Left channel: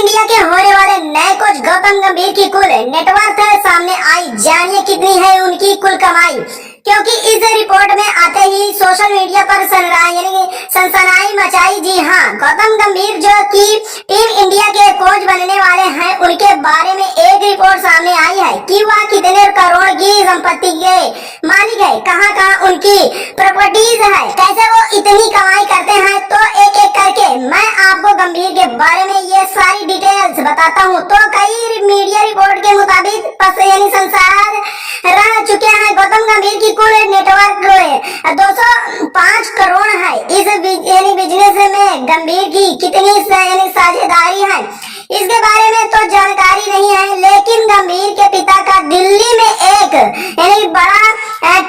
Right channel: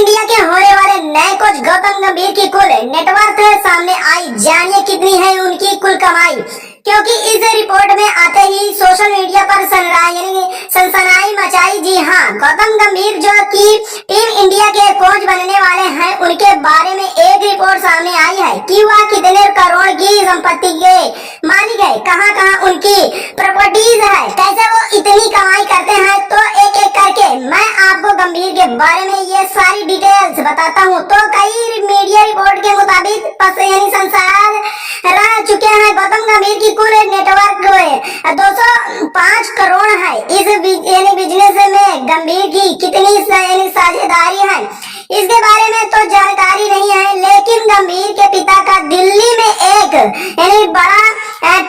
India के होने वाले नए कोच गौतम गंभीर की कुल नेटवर्थ सामने आई। जानिए कितनी है उनकी कुल कमाई, क्योंकि इस रिपोर्ट में आते ही सोशल मीडिया पर सनसनाई मचाई। जी हाँ, गौतम गंभीर जो कि टीम इंडिया के कोच बनने वाले हैं, उनके बारे में एक रिपोर्ट सामने आई है कि वह कितने करोड़ की संपत्ति के मालिक है, कहाँ कहाँ उनकी प्रॉपर्टीज है, कैसे वो इतनी कमाई करते हैं। तो एक एक करके मैं आपको गंभीर के बारे में ये सारी डिटेल्स बताता हूँ। तो कई मीडिया रिपोर्ट के मुताबिक संसार रह चुके हैं गौतम गंभीर की कुल नेटवर्क 205 करोड़ है। इस बिजनेस में गंभीर की कितनी साझेदारी है, इसके बारे में तो जानकारी नहीं है, लेकिन गंभीर के पिता का दिल्ली में एक बड़ा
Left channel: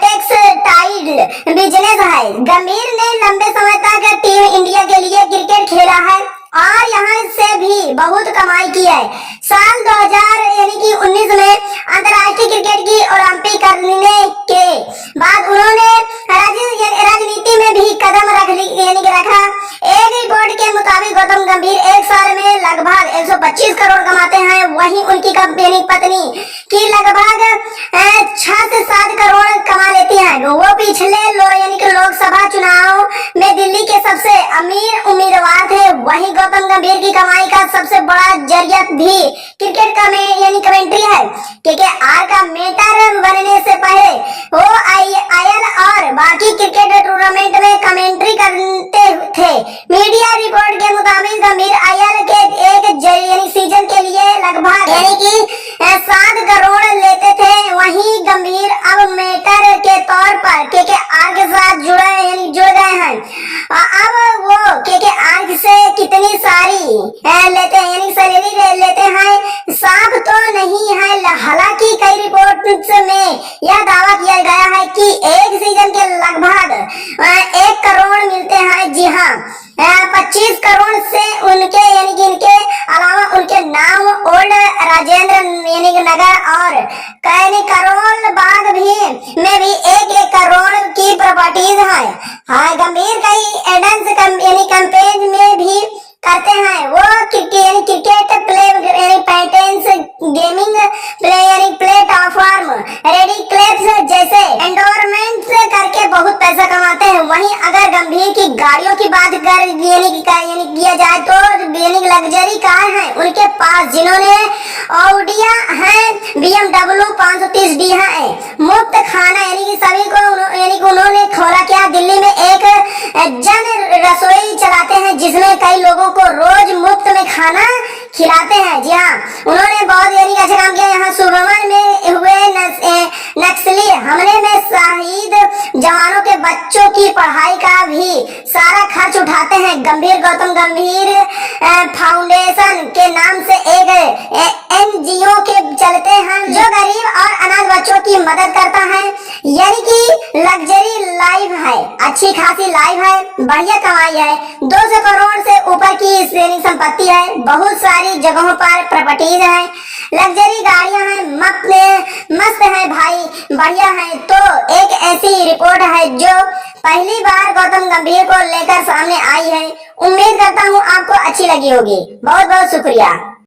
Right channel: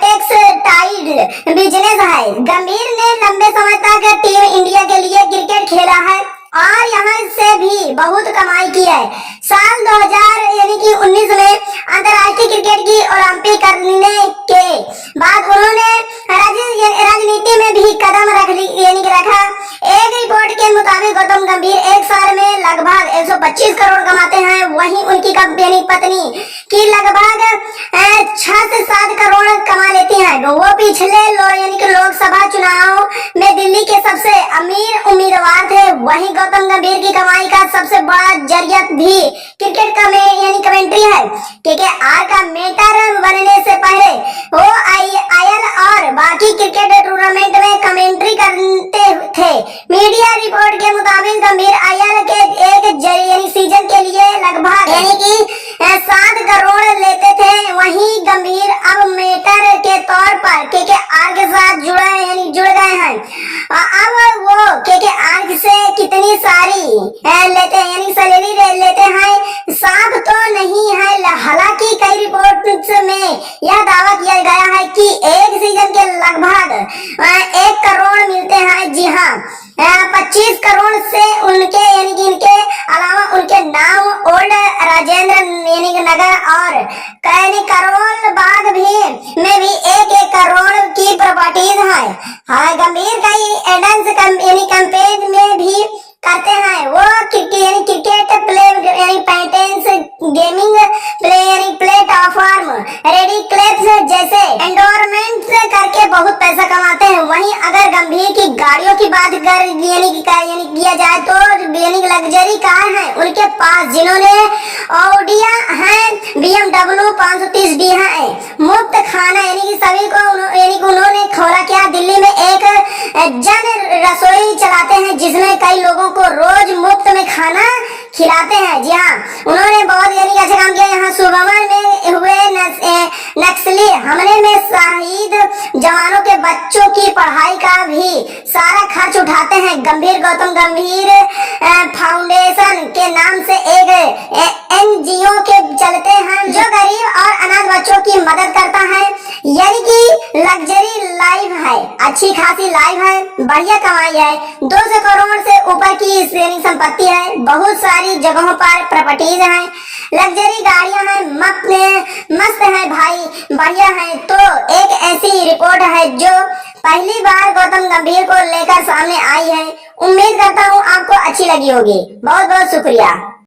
टेक्सटाइल बिजनेस है। गंभीर ने लंबे समय तक टीम इंडिया के लिए क्रिकेट खेला है और यहाँ से भी बहुत कमाई की है। साल 2019 में अंतर्राष्ट्रीय क्रिकेट की ओलंपिक करने के बाद उन्होंने राजनीति में भी कदम रखा। एक रिपोर्ट के मुताबिक गौतम गंभीर एक साल में लगभग 125 करोड़ कमाते हैं, वहीं उनकी पत्नी की लगभग 6 से 7 करोड़ कमा लेती हैं। वो पिछले लोकसभा चुनाव में दिल्ली के सबसे अमीर उम्मीदवार थे। वहीं गौतम गंभीर की कमाई का सबसे बड़ा जरिया भी क्रिकेट का कमेंट्री है। KKR का मेंटर बनने से पहले वो IL और बाकी क्रिकेट टूर्नामेंट में कमेंट्री करते थे। मीडिया रिपोर्ट के मुताबिक गंभीर IL के एक सीजन के लिए लगभग 7 करोड़ लेते थे। वहीं गंभीर अब मेंटर के तौर पर KKR के साथ जुड़ गए हैं। अब वो KKR से कितनी सारी लेते हैं सैलरी लेते हैं साफ तो नहीं है। हालांकि कई रिपोर्ट्स में यह दावा किया गया है कि एक सीजन के लगभग 1 करोड़ मिलते हैं। जी हाँ, 25 करोड़ से उनके इनके अलावा उनके नाम ओल्ड राजेंद्र नगर और करोल बाग में भी 1-1 करोड़ की प्रॉपर्टीज है। हाँ, गंभीर कई एडेंस कैंपेन में भी करते हैं। वो क्रिकेट प्ले पैटेंस गेमिंग प्लेटफॉर्म रेडी क्लिप्स जैसे एंडोरमेंट करके बहुत पैसा कमाते हैं। वहीं अगर गंभीर की गाड़ियों की बात किया जाए तो लग्जरी कार है उनके पास, जिन्होंने ऑडिया है, BMW 530D है। मुफ्त खाना सभी को उन्होंने खोला क्या, दिल्ली में एक जन रसोई चलाते हैं जिसमें कई लोगों को रोज मुफ्त में खाना खिलाते हैं। जी हाँ, उन्होंने बहुत अच्छा काम किया। यहाँ सुबमन में हुए नक्सली हमले में शहीद जवानों के बच्चों की पढ़ाई का भी सारा खर्च उठाते हैं। गौतम गंभीर फाउंडेशन के नाम से एक NGO के चलते हैं जो गरीब और अनाथ बच्चों की मदद करता है। यानी कि लग्जरी लाइफ है, अच्छी खासी लाइफ है, बढ़िया कमाई है। 200 करोड़ से ऊपर की संपत्ति है, बहुत सारी जगहों पर प्रॉपर्टीज हैं, लग्जरी गाड़ियां हैं, मस्त है भाई, बढ़िया है। तो एक ऐसी रिपोर्ट है जो पहली बार गौतम गंभीर को लेकर सामने आई है। उम्मीद करता हूँ आपको अच्छी लगी होगी। बहुत बहुत शुक्रिया।